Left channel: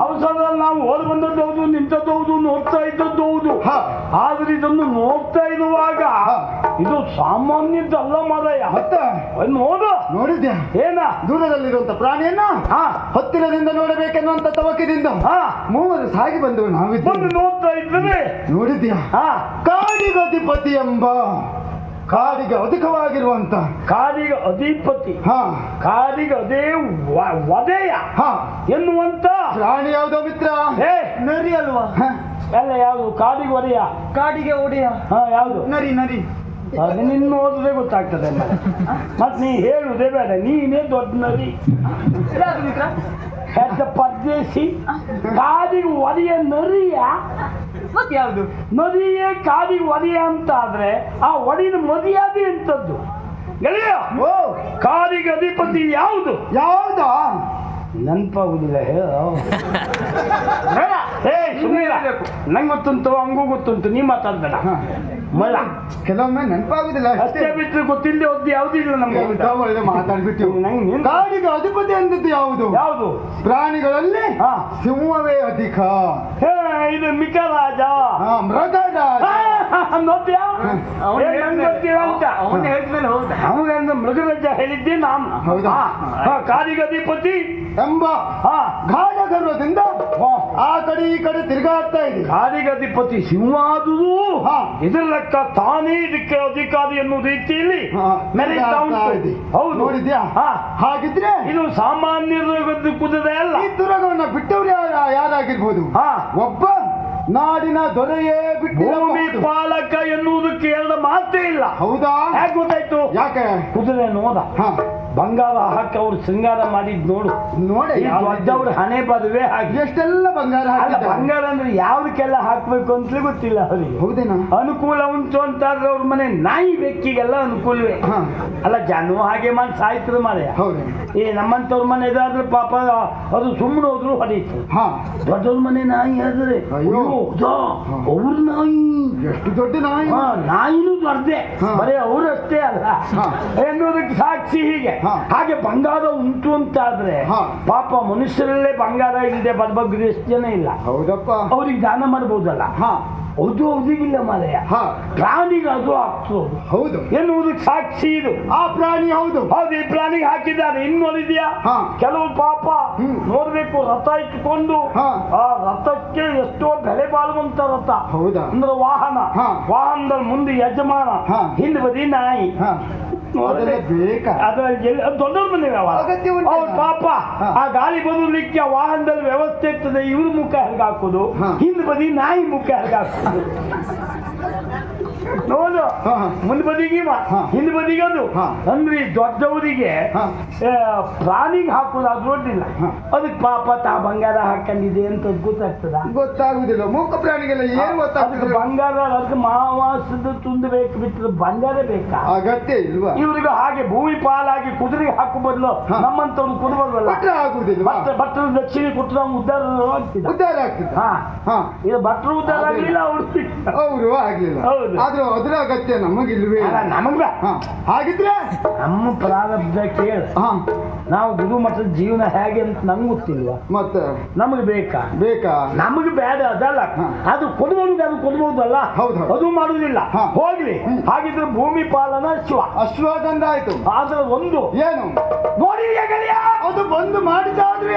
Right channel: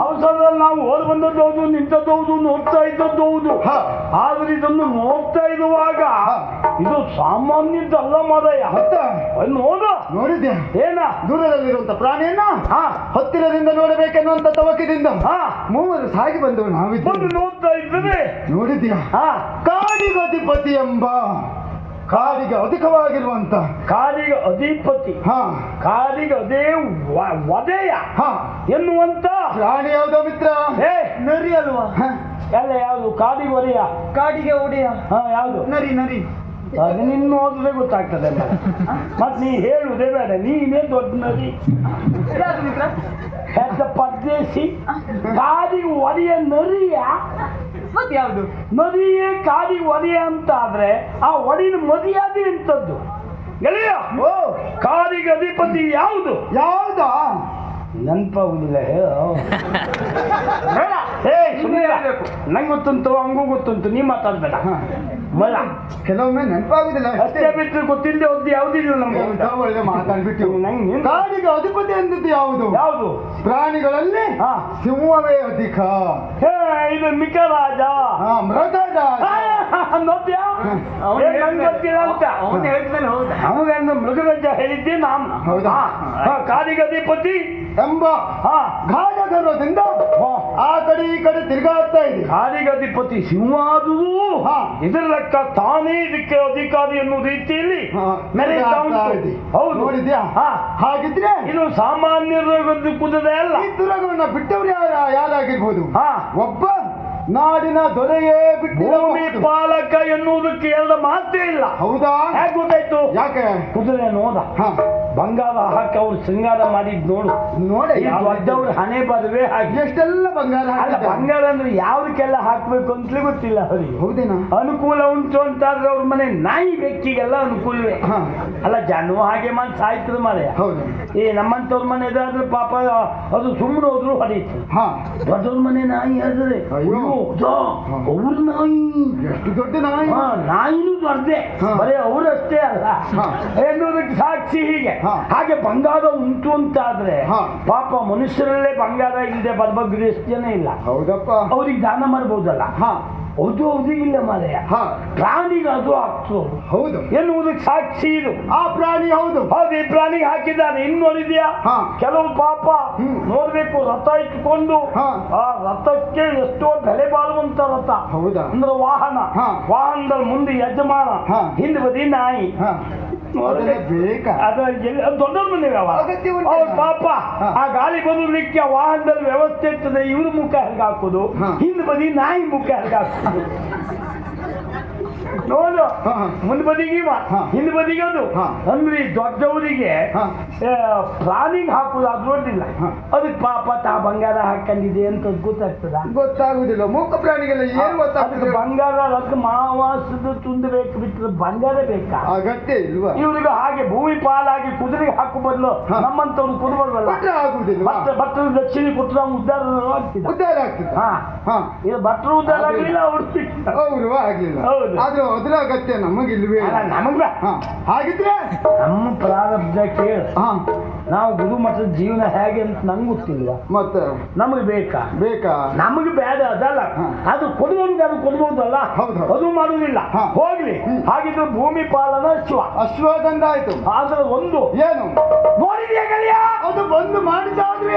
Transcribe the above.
ಅವಸರದಲ್ಲಿ ನಾವು ಓಡ್ ಬಂದದ್ದು ಹೌದು, ನಿಂತದ್ದು ಹೌದು, ನೋಡ್ತಾ ಇದ್ದದ್ದು ಹೌದು. ಆದ್ರೆ ಇದನ್ನು ನೋಡ್ತಾ ಇರುವಾಗ ಇದು ಸಾಮಾನ್ಯದ್ದಲ್ಲ ಮಾದಯ್ಯ. ನೋಡು. ನೋಡಿದ್ಯಾ? ಏನ ದೂರದಲ್ಲಿರುವಂತ ಪ್ರಾಣಿಯನ್ನ ಹತ್ತಿರದಿಂದ ನೋಡಬೇಕೆನ್ನುವಂತ ತವಕದಿಂದ ಮೂವರು ಸಾಗಿ ಬಂದವು. ನಾವಿದ್ದು ನೋಡ್ತಾ ಇದ್ದೇನೆ. ನೋಡಿದ್ಯಾ? ಕಾಡಿಗಧಿಪತಿ ಎಂಬ ಕಾಡಿಗೆ ಅಧಿಕವಾಗಿರುವಂತ ಕಾಡಿಗೆ ಅಧಿಪತಿ, ಕಾಡಿಗೆ ಅದೇ ವಧೆಯ ಎನ್ನುವಂತ ಪ್ರಾಣಿ ಯಾವುದೋ ಮಿತ್ರ? ನರಿ ಅಲ್ವಾ? ಎಲ್ಲ ಯಾವುದು? ಕಾಡಿಗೆ ಒಡೆಯ. ಕಾಡಿಗೆ ಒಡೆಯ ಯಾವುದು? ನರಿ. ನರಿ ನಿನ್ನ ಓದಿದ್ರೆ ಗೊತ್ತಾಗ್ತದೆ. ಮತ್ ನೀ ಹೇಳುವುದೇ ಬೇಡ, ನೀನೇ ದೊಡ್ಡ ನರಿ. ಪರದೇಶಿ ಕಾಡಿಗೆ ಒಡೆಯ ನರಿಯ ಮತ್ತೆ ಯಾವುದು? ನದಿಯೇ ಕಾಡಿಗೆ ಒಡೆಯ ಅಂತ ಆದ್ರೆ ಆ ಒಡಿನ ಮರ್ಯಾದೆ ಎಂತದ್ದು ಗೆಳೆಯ? ಕಾಡಿಗೆ ಅಧಿಪತಿ ಯಾವುದು? ಯಾವ್ದಾ ನೆನಪಾಗುದಿಲ್ಲ. ನಂಗೆ ಗೊತ್ತುಂಟು, ಹಂಗೂ ಗೊತ್ತುಂಟು, ನೀ ಮಾತಾಡ್ಬೇಡ. ಮಲ್ಲ ಕೆಲವೊಮ್ಮೆ ನೆನಪಾಗುದಿಲ್ಲ ಅಷ್ಟೇ ಬಿಟ್ಟರೆ ಗೊತ್ತಿಲ್ಲದೆ ಹೋದ್ ಯಾವುದಿಲ್ಲ ನಮ್ಗೆ. ಮಾತಾಡ್ಬಿಟ್ಟು ಕಾಡಿಗೆ ಅಧಿಪತಿ ಎಂದದ್ದು ಯಾವುದು? ಯಾವುದು? ಪ್ರಾಣಿಗಳಲ್ಲಿ ಸಿಂಹವೇ ಅಧಿಕ. ಇದು ಮಿಕರಾಜ, ಮೃಗರಾಜ. ನೋಡ್ತೀಯಾ? ಗೊತ್ತಿಲ್ಲ ಅಂತ ಅವನು ಹೇಳಿದ್ಮೇಲೆ ಹೌದಾ? ಅವನ ಮೃಗರಾಜ ಹೇಳಿದ್ದೆ ನಾನು. ಹೌದಾ? ಕಾಡಿಗೆ ಅಧಿಪತಿ ಎಂಬ ಗಾಢ ಗರ್ವದಿಂದ ಆ ಕಡೆ ಈ ಕಡೆ ತಿರುಗಾಡ್ತಾ ಇದೆ. ಕಾಡಿಗೆ ಅಧಿಪತಿ ಸಿಂಹ ಆದುದು ಇದರ ಲೆಕ್ಕ ತಾನೇ ಇದಕ್ಕೆ ಅಧಿಕಾರಿ ಎನ್ನುವ ರೀತಿಯಲ್ಲಿ ಮೆರೀತಾ ಉಂಟು. ಹೌದು. ನೋಡಿದ್ಯಾ? ಹಾಗಿದ್ರೆ ಇದು ಸಾಮಾನ್ಯರ ಕುದುರೆ ಅಲ್ಲ. ಈ ದುರಗವನ್ನ ಬಿಟ್ಟವ್ರು ಯಾರಾಗಿರ್ಬೋದು? ಒಬ್ಬ ನಾಡಿನ ದೊರೆಯೇ ಭೂಮಿ ಪಾಲಕ ಎನ್ನುವುದಕ್ಕೆ ಎಲ್ಲ ಮಾತೇ ಇಲ್ಲ. ಹೌದಾ? ಯಾಕೆ ಗೊತ್ತಾಯ್ತು? ಯಾಕೆ? ಕುದುರೆ ನೋಡ ಬಂಗಾರ ಹಾಕಿ ಅವ್ರು ಶೃಂಗಾರ ಮಾಡಿದ್ ನೋಡು. ನೋಡಿ ದೊಡ್ಡವ್ರ ಹಣೆ ಬರುವೆ ಹಾಗೆ ಎಷ್ಟೆಲ್ಲ ಬಂಗಾರ. ಬಂಗಾರ ಅಂದ್ರೆ ಯಾವ್ದಕ್ಕೆಲ್ಲ ಹಾಕ್ಬೇಕು ಅಂತಲೇ ಗೊತ್ತಿಲ್ಲ ಅವರಿಗೆ. ಹೌದೇನಾ? ಅನುಕೂಲ ಉಂಟು ಅಂತಾದ್ರೆ ಅವ್ರ ಮನೆ ನಾಯಿ ಬೆಕ್ಕಿಗೆಲ್ಲ ಅನುಕೂಲವೇ. ಅಲ್ಲ ಜನ ಹಾಗೆ ಮಾಡಿ ಸಾಯ್ತದ ಮಾರೆ. ನಮ್ಮಂತವ್ರ ಮನೆ ಇದಾದ್ರೆ ಪಾಪ ಅದು ಸುಮ್ಮನೆ ಹೋದ್ರು ಹೊಡೀತು. ದೊಡ್ಡವ್ರ ಮನೆ ನಾಯಿ ಆದ್ರೆ ಅವ್ರ ನಾಯಿ ಎಷ್ಟು ದೊಡ್ಡ ನಾಯಿ. ನಾಯಿನೂ ದೊಡ್ಡದೆ, ಬರೀ ಅವರಷ್ಟೇ ಅಲ್ಲ ಎನ್ನುವುದಕ್ಕೆ ಸಾಕ್ಷಿ. ಹೀಗೆ ಹಾಗೆ ಬಂಗಾರ ಉಂಟು ಅಂತ ಆದ್ರೆ ಪಾಪ ಮನುಷ್ಯರಲ್ಲೇ ಬಂಗಾರ ಇಲ್ಲದೆ ಬರ್ಬಗ್ರಿ ಎಷ್ಟು ಜನ ಇಲ್ಲ. ಹೌದಪ್ಪ. ಅವ್ರಿಗೆ ದಾನ ಮಾಡ್ಬೋದಲ್ಲ. ಹೌದು ಇಲ್ಲ ಮಾರಯ್ಯ. ಪ್ರಾಣಿಗೆ ಅದು ಆಗ್ತದೆ. ಹೌದು ಎನ್ನುವುದಕ್ಕೆ ಸಾಕ್ಷಿ ಇದು. ಆ ಪ್ರಾಣಿ ಹೌದು. ಹೌದು, ಈ ಪ್ರಾಣಿಗೆ ಹಾಕಿದ್ದಾನೆ. ಇನ್ನು ನೋಡಿದ್ಯಾ? ಕೆಲವು ಪಾಪ ನೋಡ್ಬೇಕು, ರಥ ಇಟ್ಕೊಂಡು ಆ ರಥಕ್ಕೆ ಎಷ್ಟೋ ಬೆಲೆ ಬಾಳುವಂತ ರಥ. ಹೌದಾ? ಅಂದ್ರೆ ವಾಹನ. ವಾಹನದಲ್ಲಿ ಮುಂದೆ ಯಜಮಾನ, ಹಿಂದೆ ಬದಿ ನಾಯಿ. ದೊಡ್ಡವ್ರ ಮನೆ ಪಾಪ ಆ ಗಾಳಿ ಬದಲಿಕ್ಕೆ ವಾಹನದಲ್ಲಿ ವ್ಯವಸ್ಥೆ ಇರ್ತದೆ. ಇವ್ರ ಮುಖ ಹೆರ್ಗೆ ಹಾಕೋದು, ಹಿಂದ್ ಬದಿ ನಾಯಿ ಮುಖ ಹೆರ್ಗೆ ಹಾಕೋದು. ನೋಡು, ಮುಂದ್ ಬದಿಗೆ ಹಿಂದ್ ಬದಿಗೆ ಅದು. ಅಂದ್ರೆ ದೊಡ್ಡವರಿಗೆ ಪ್ರಾಣಿಗೆ ಹಾಕುದು ಅದು ದೊಡ್ಡಿಲ್ಲ. ಅದಕ್ಕೆ ಪಾಪ ತಾ ಬಂಗಾರ ಹಾಕೊಂಡಿದೆ ಅಂತ ಗೊತ್ತಾಗ್ತದ? ಗೊತ್ತಾಗುದಿಲ್ಲ. ಮೂಕ ಪ್ರಾಣಿಗೆಲ್ಲ ಏನು ಗೊತ್ತಾಗ್ತದೆ? ಬಂಗಾರ ಅದಕ್ಕೆ ಮಾವಾಸದ ತುಂದಬೇಕು ಬಿಟ್ಟರೆ ಬಂಗಾರ ಬೇಕಾ? ಅಗತ್ಯ ಇಲ್ವಾ? ಇವ್ರಿಗೆ ಹಾಗೆ ಭೂಮಿ ಪಾಲಾಗಿ ಕುದುರೆಗೆ ಹಾಕು ಬದಲು ನಮ್ಮಂತವ್ರು ಕುದುರಲ್ಲ ಆಗುದಿಲ್ಲ. ಭಟ್ರು ದಕ್ಷಿಣ ಕೊಟ್ಟರೆ ನಾವು ಉದ್ಧಾರ ಆಗ್ತಿದ್ದ. ಉದ್ಧಾರ ಆಗ್ತಿದ್ದ. ಇದು ಭಟ್ರು ಉದ್ಧಾರ ಆಗಲಿಲ್ಲ, ಅವರು ಆಗ್ಲಿಲ್ಲ. ಆದ್ರೆ ಅದ್ರ ಅಗತ್ಯ ನಮಗಿಲ್ವೇ? ನಮಗ ಹಾಗಿದ್ರೆ ನಮ್ಮ ಪ್ರಾರಬ್ಧ ಕೇಳ. ನಾವು ಗುರುಮಠದ ಜೀವನ ಹೇಗೆ ಅಂತ ನಂಗೆ ಗೊತ್ತಿಲ್ವಾ? ಮತ್ತೆ ನಮಗೆ ಬೇಕಾ? ನಮಗೆ ಬೇಡ ಅದಲ್ಲ. ಅದು ಕೊಡಬಹುದು, ಅದು ಕೊಡಬಹುದಲ್ಲ. ಅದು ಮಾಡುವುದಿಲ್ಲ. ಹೋಗ್ಲಿ. ಹಾಗಿದ್ರೆ ಭೂಮಿ ಪಾಲನ ಅಶ್ವಗಂಧ ಆಯ್ತು. ಆದ್ರೆ ಒಂದು ಏನು ನೋಡಿದ್ಯಾ ಗೆಳೆಯ? ಅದು ಬಂದು ಮಾಡಿದಾದ್ರೆ